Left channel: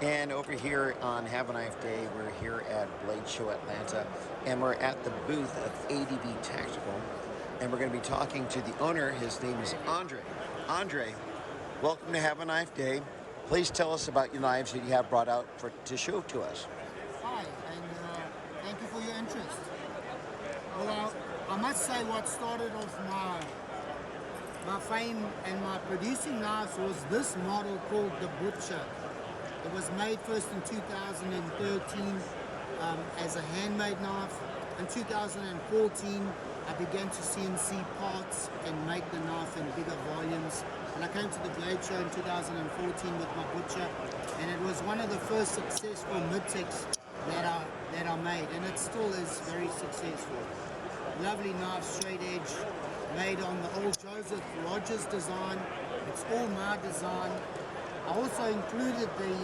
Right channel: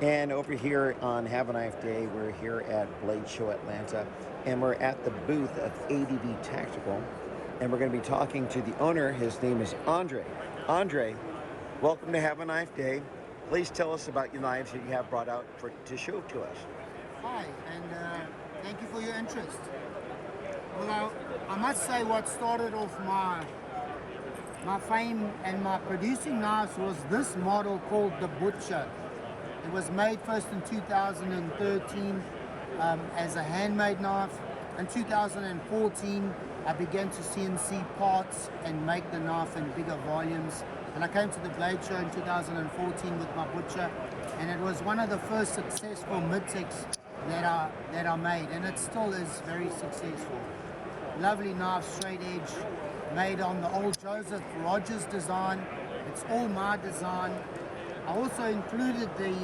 And over here on Have a Knife Day, we're here at Blade Show Atlanta, and we're at the booth of ADV Tactical, and we're going to be talking to the owner. His name is Andre. Andre, welcome to Have a Knife Day. Please tell us about your knives that you have brought out to show to us. Hi, and thank you for your interest. Well, I must say what started off my fame and my producing knives was this model called the Butcher. It was made first in 2013 as a handmade knife. In 2014, I began to CNC parts and make the knife in bigger volumes. And I came to the Blade Show in 2014 with my Butcher, and it was one of the first successful mid-techs that I made, and it still is very successful. Lovely knife, straight edge, made on the old Joseph Rogers design. It's all my design. I also included the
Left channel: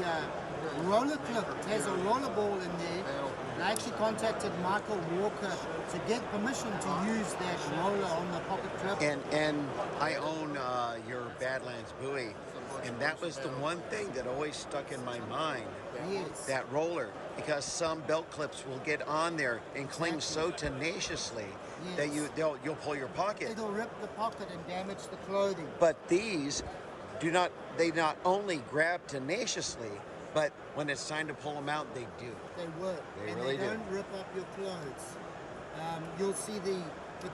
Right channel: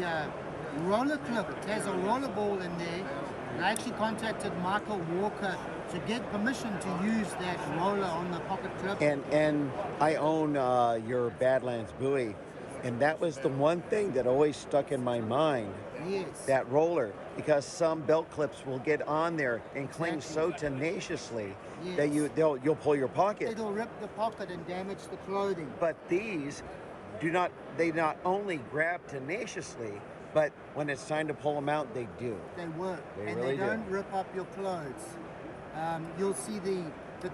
roller clip. There's a roller ball in there, and I actually contacted Michael Walker to get permission to use that roller on the pocket clip. And I own your Badlands buoy, and that was the one thing that always stuck in my mind. Yes. That roller, because some belt clips will get on there and cling so tenaciously that you'll pull your pocket. It'll rip the pocket and damage the clothing. But these they not only grab tenaciously, but when it's time to pull them out, they do. They work. They and really they don't rip up your clothes. You'll see the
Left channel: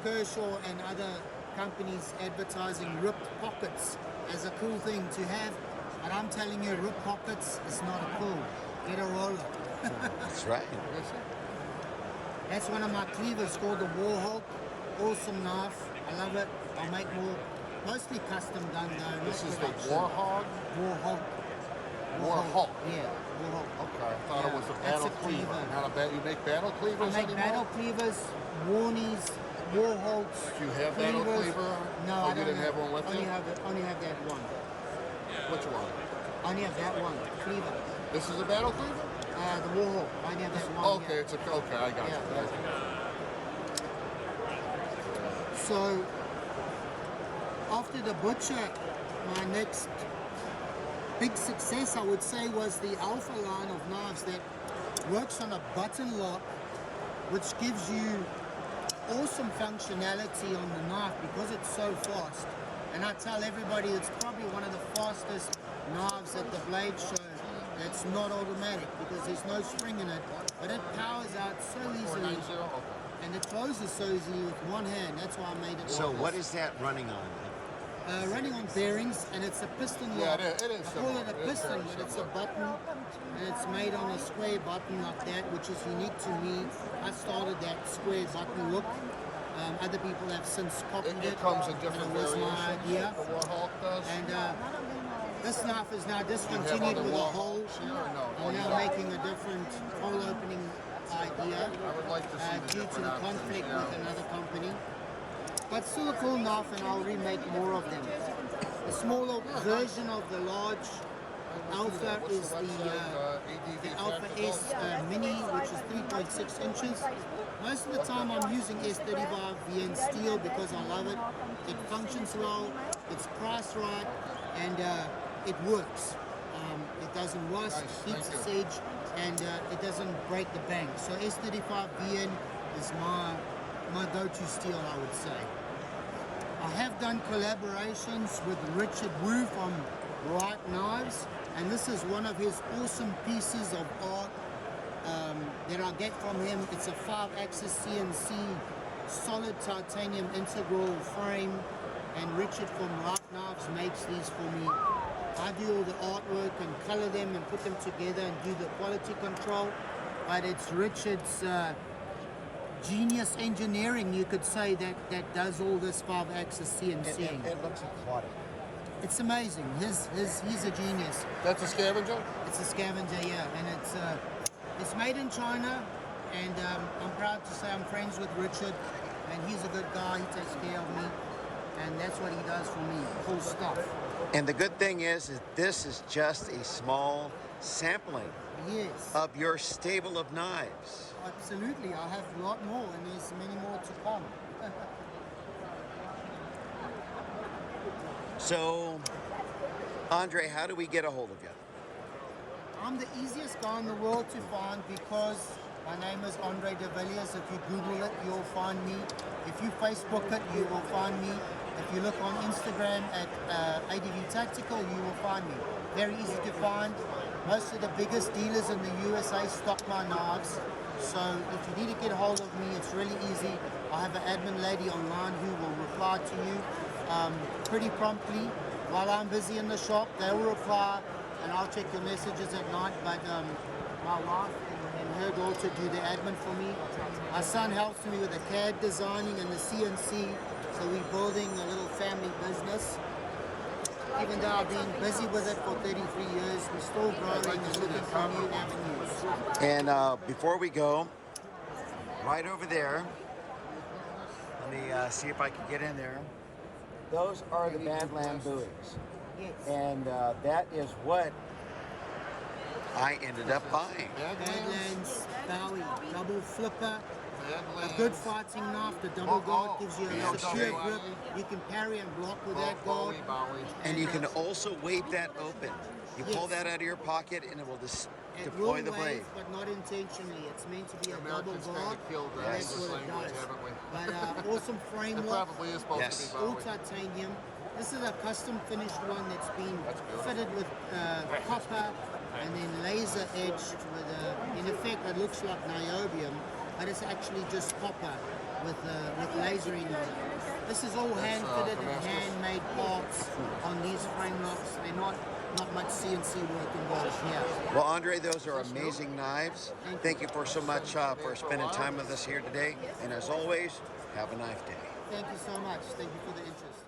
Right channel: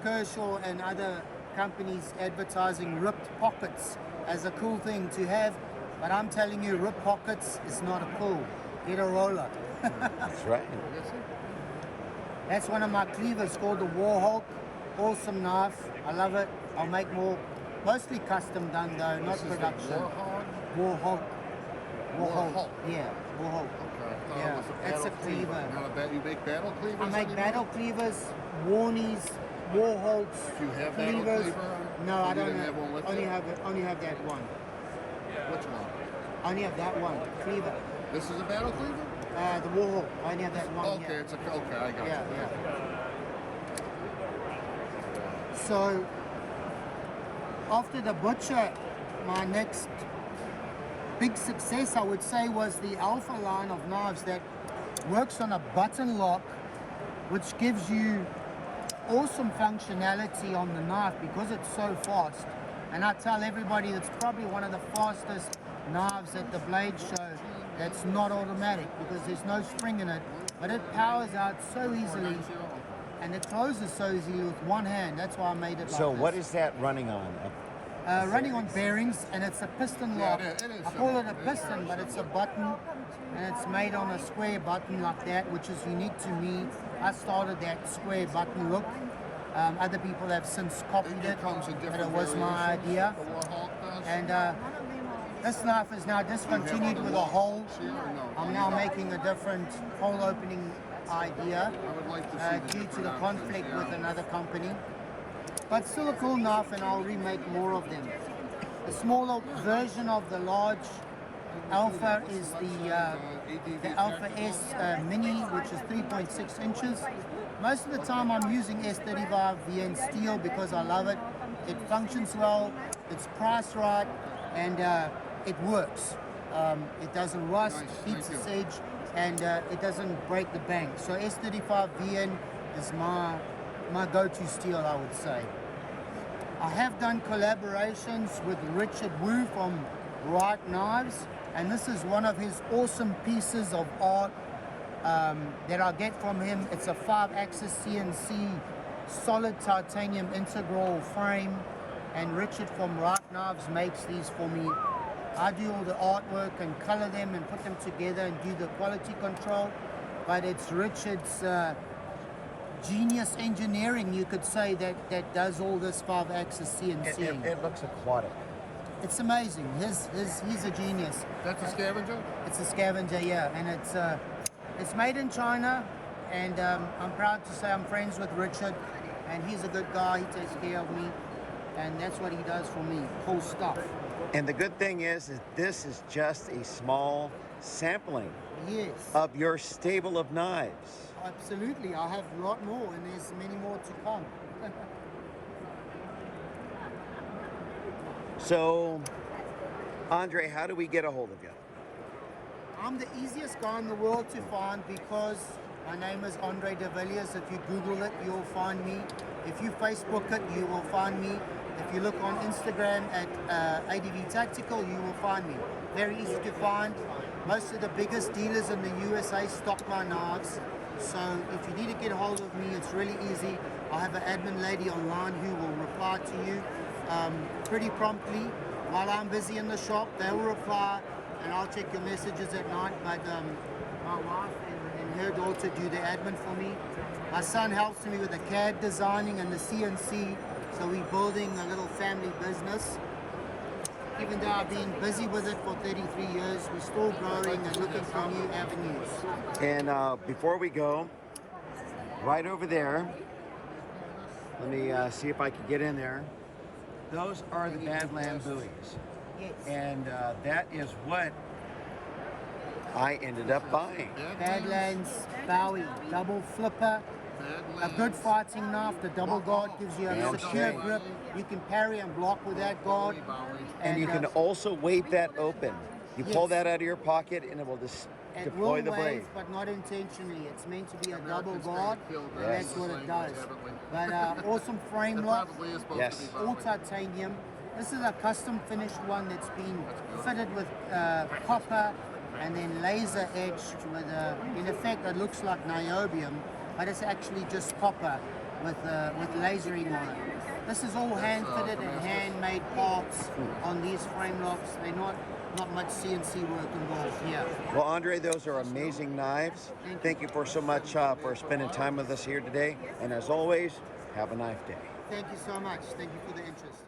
Kershaw and other companies advertising ripped pockets as a cool thing to have. But I'm telling you, ripped pockets is not a cool. Get a roller. That's right. That's one of my cleavers called the Warhawk. Awesome knife. I love it. I'll make more. Mostly custom done though, not production. Warhawk? Warhawk. Yeah, Warhawk. Okay. Yeah, that's a cleaver. Now, I bet you make battle cleavers? I make anymore? battle cleavers, Warnies, Warhawks, Do you have cleavers. battle cleaver? No, I don't didn't have one with only you? have that one. Which one? I only have that one, cleaver. This is a battle cleaver? The Warhawk. I only have that one. Okay, yeah. okay, I got Yeah, it. yeah. So after the Butcher, my next big success, I would say, was the Alpha line of knives that works on a button lock, which gives you awesome functionality on the knife because it's so fast. And I tell everybody it's probably one of the fastest knives at the Blade Show that's not automatic because there's no spring in it, but it powers out so easily and it closes so easily with one hand. That's why I made it like So this. what is that running on? Running on bearings, and it's a piston lock. it is I call it a piston, but it's a button, and it's made on a square button like that, which is unique to me. I started that square button look. Other people have since copied it, comes in but different it was my variations. idea. Warhawk does. And this knife is now discontinued with a hole. I'm now making a different hole opening idea due to the conflict with another company. But still a cool knife, and I'll remake more of them. The smaller version of the large Alpha is the Alpha S Mini, which is 3.6 inches. Most of the time I'm using S35 VN steel because I love it. It functions well, it's priced right, and it works. It doesn't rust, keeps its edge, and it doesn't break the bank. So S35 VN is my go-to steel, I would say. I have done collaborations with Richard Wu from Right Knives, and this is one of his awesome pieces of art that I get from him. It's a 5-axis CNC solid titanium integral frame, and Richard from Right Knives makes these for me. I do all the artwork and color them and put them together and do the quality control, but it's Richard's genius engineering, you could say, that does all this 5-axis CNC. It looks aquatic. It's amazing. He's a genius. That's a scavenger? It's a scavenger, yeah, and it's made in China, and I'm proud to say I'm friends with Richard, and he's a good guy. He takes care of me, and that's what he does for me. Cool stuff. And the good thing is that this is just a small sampling Yes. of your stable of knives. Absolutely, I have a lot more, and there's many more to come. So, Andre, how do we get a hold of you? I'm the easiest guy in the world to find because my name is Andre de Villiers. If you Google it, you'll find me. If you Facebook it, you will find me. If you look on Instagram at ADV Tactical, you will find me. Very easy to find. Most of the biggest dealers in the USA stock my knives. So if you need to get a hold of me, it's really easy. I have an admin lady online who will reply to you pretty promptly. While I'm busy in the shop, they will reply and I'll check your messages at night. But my wife and her daughter do the admin for me. My son helps me with the CAD designing and the CNC. So we're building a little family business. Even though I've been busy with it for 33 years, we're still growing and looking for new avenues. And before we go, right over there, let me see if I can get in there. Those are the Badland buoys. Yes. And that is what I ended up buying. Badlands Bowie, double flipper, a good fighting knife. The double guard gives you a Damn secure straight. grip. You can parry and block with that guard. And you can also wave that open. You pull Yes. that out of your pocket and it will just it deploy will the blade. wave, but not intentionally. It's meant to be a double guard, and Yes. that's what it does. But awesome frame lock, Probably is supposed Yes. to be. all titanium. This is a custom finished one that's been fitted with copper and then laser edged with in effect it looks like niobium, but it's actually just copper with lasering on it. This is all hand fitted and handmade parts on these frame locks. They're not much CNC work involved here. Well, Andre, those are amazing knives. Thank you for so much for spending time with us here today. And as always, have a knife day. Thank you so much. Thank you for the interest.